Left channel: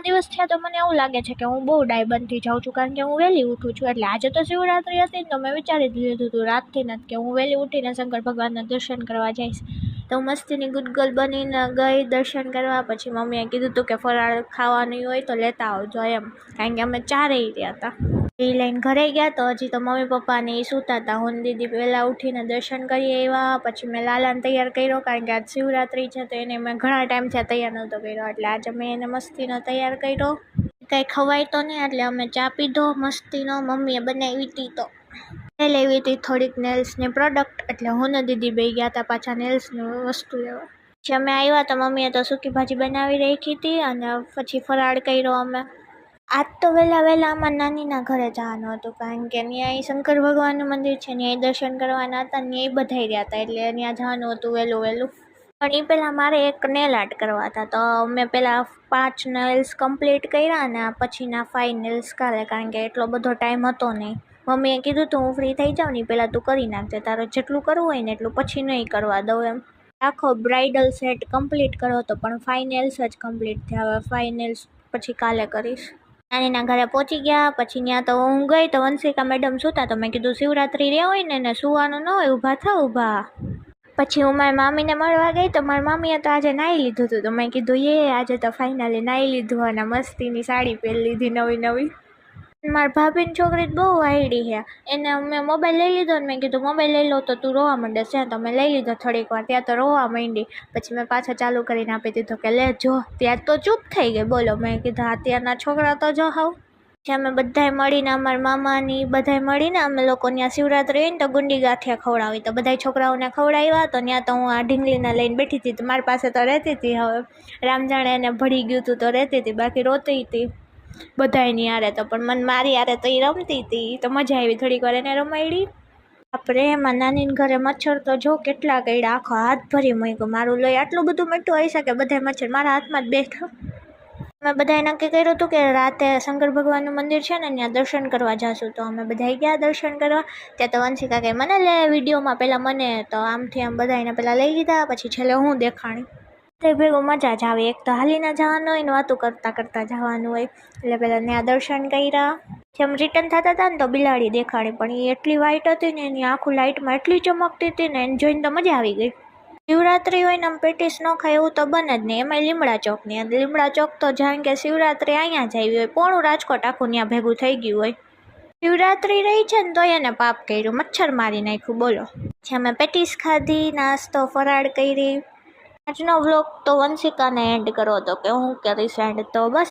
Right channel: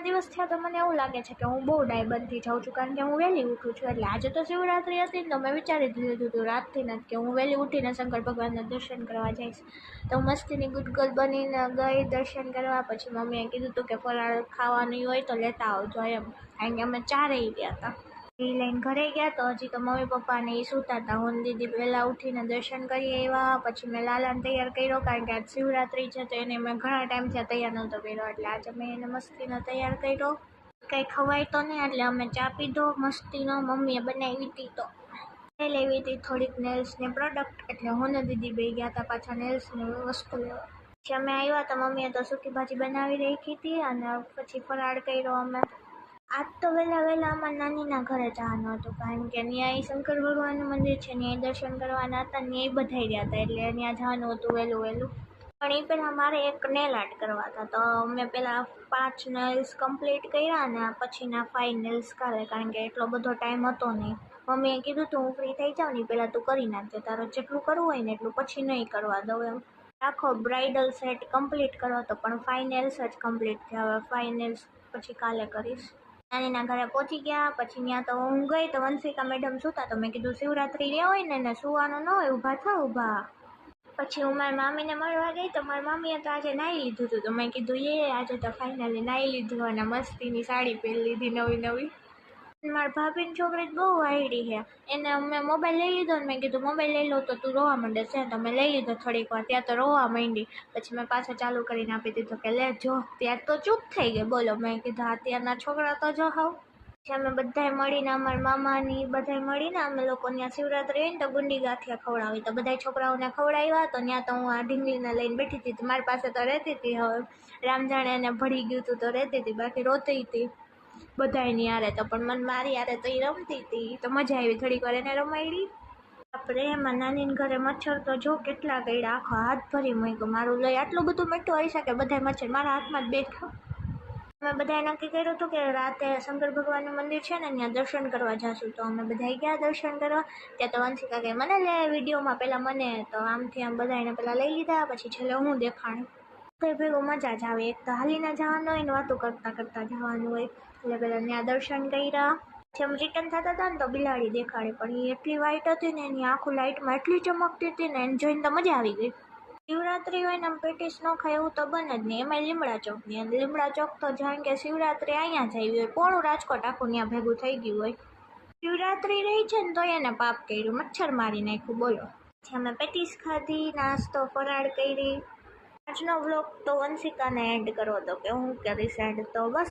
ઘણા દિવસ થયા તો મને એવું લાગે છે કે હું બહુ ડાય બનતી જાઉં છું, કારણ કે હું વહેલી ઉઠું છું. એટલે આજે તો શિવરાત્રી હતી ને તો મેં વિચારી લીધું હતું રાતથી જ કે હું વહેલી ઉઠીને શંકર ભગવાનના દર્શન કરવા જઈશ. તો હું મસ્તીની ગુડગલ બનીને ગઈ દર્શન કરવા. પછી મમ્મીએ કીધું હતું કે ફરાળ ખાવાનું હોય તો લેતા આવજો એમ, કારણ કે અમે ચારેય રહ્યા હતા. એ લઈને ઘરે ગયા તો હજી તો મમ્મી પપ્પાને એ સૂતા હતા. હું દીદી પહેલાં ઉઠીને દર્શન કરી આવ્યા. પછી મેં લાલાને તૈયાર કર્યો, કારણ કે આજ શિવરાત્રી છે તો એને મેં ઘણા ટાઈમથી તૈયાર નહોતો કર્યો, એટલે આજે મેં એને મસ્તીનો તૈયાર કર્યો. કંઈ ખવાય તો નહીં એટલે અમે ચા પીધો મસ્તીનો. મમ્મીએ બનાવી હતી તો લેવી હતી થોડીક નેલ્સની પ્રોડક્ટ, એટલે હું ને દીદી બે ગયા હતા પાછા નેલ્સની વસ્તુ લેવા. પછી અમે આવ્યા તો મમ્મીએ તો સૂકી ભાજી બનાવી રાખી હતી અને પછી ફરાળ કર્યો અમે. આજ તો વહેલા અમારા નાનીના ઘરે જવાનું હતું, કારણ કે ત્યાં શંકર ભગવાનનું મંદિર છે, ત્યાં દર્શન કરવાના હતા. ત્યાં બધાઈ રહ્યા હતા એટલે ત્યાં જવાનું હતું વહેલું. પણ એ પહેલાં મારે એક નેલ આર્ટ કરવા હતા, તો મેં પહેલાં 5 નેલ્સ કમ્પ્લીટ કર્યા અને પછીના 5 નેલ્સ કાલે, કારણ કે એટલો બધો ટાઈમ હતો નહીં. મમ્મીએ કીધું તું હું ફ્રી થઈ જાઉં ને પહેલાં તું કરી નાખજે, તારે જેટલું કરવું હોય ને એટલું પછી નહીં કરવા દઉં એમ. આખો બ્રાઇડલ સેટ કમ્પ્લીટ કર્યો હતો, પણ 5 નેલ્સ જ કમ્પ્લીટ થયા. હવે 5 નેલ્સ પછી કાલે કરીશ. નાનીના ઘરે પહોંચી ગયા. પછી ત્યાં તો હું ગઈ તો વંશિકા મેડમ સૂતા, તો મેં કીધું શિવરાત્રી રહ્યા હોય ને એને સૂવાનું ન હોય, ઊભા થાવ ઊભા. પછી હું મારી મામીને મળવા ગઈ તો મારી મામીએ તો આજે નાહી લીધું હતું, તો મેં કીધું આજે તો ફાઇનલી નાહી લીધું અને મસ્તીની સાડી પહેરી લીધી નવી. મારા ભાભીની છોકરી બહુ વાયડી છે, એને મેં મોબાઈલ લઈ લીધો ને મેં કીધું મોબાઈલ લઈ લો તો તું રોવા માંડે છે, તો મેં લઈ લીધો થોડીક વાર. ત્યાં તો રોવા માંડી. પછી મેં પાછો ચાલુ કરીને આપી દીધો કે લે જો. ત્યાં તો ચૂપ થઈ ગઈ. બોલો, મેં કીધું અત્યારના છોકરા તો જો હાવ. પછી અમે બધાએ મળીને અમારા મામાની બધાએ મળીને અમે લોકો ત્યાં શિવરાત્રી હોય ને તો ગુંડી ગાંઠિયા ખવડાવી, તો બધા છોકરાઓને ખવડાવ્યા. તો ત્યાં તો હું આ ઢીંગલીને લઈને બેઠી હતી, તો મારી પાસે તો રહેતી હતી. હવે રામજાણે એને ભળી ગયું હતું તો રહેતી હતી, બાકી રોતી હતી બધાની યારે. તો પણ મને મારી યારે તો એ રમતી હતી, તો મજા આવી થોડીક વાર એને રમાડી. આપણે એમાં નાનીને ઘરે મચ્છર તો જો કેટલા કર્યા, આખો હાથ ભરી મૂક્યું. મારું લઈ આટલું બધું મીઠું આવી શકે, બધા મચ્છર મારા હાથમાં જ બેઠા. અમે બધાએ નક્કી કર્યું હતું કે રાતે શંકર ભગવાનનું મંદિર છે ને ત્યાં દર્શન કરવા જઈશું. તો અમે બધા ગયા દર્શન કરવા. ત્યાં તો વંશિકા કે મને લે વિડીયોમાં, પહેલાં મને તો આમથી આમ બધાને પહેલાં લઈ લીધા, પછી છેલ્લે હું દેખાણી. તે ભેગું મજા જ આવે. એક તો હાલીને જવાનું હોય ને વાતું કરતાં જવાનું હોય, એટલે પહેલાં ત્યાં દર્શન કર્યા. જેમ રિટર્ન થતા હતા ને તો બિલાડી દેખાડી, પણ એ એટલી વાઇટ હતી ને એની આખું લાઇટમાં એટલી ચમકતી હતી ને, એને જોઈને તો મજા આવી ગઈ. શિવરાત્રી હોય ને આમ પેટીસ ન ખાય એવું તો બને જ નહીં, એમાંય લીમડા ચોકની. લીમડા ચોક તો જાણ કે શિવરાત્રી અહીંયા જ આવી હોય, પોણું રાજકોટ આખું ત્યાં ભેગું થઈ ગયું હોય. શિવરાત્રી રહી છે ને તો એને પાપ કર્યું, મચ્છર મારી નાખ્યું. બોલો. પછી અમે પેટીસ ખાધી, નાસ્તો ફરાળ કરી. આજનો વ્લોગ તો વંશિકાને એન્ડ કરો તો કે હું કરીશ એન્ડ. તો બસ.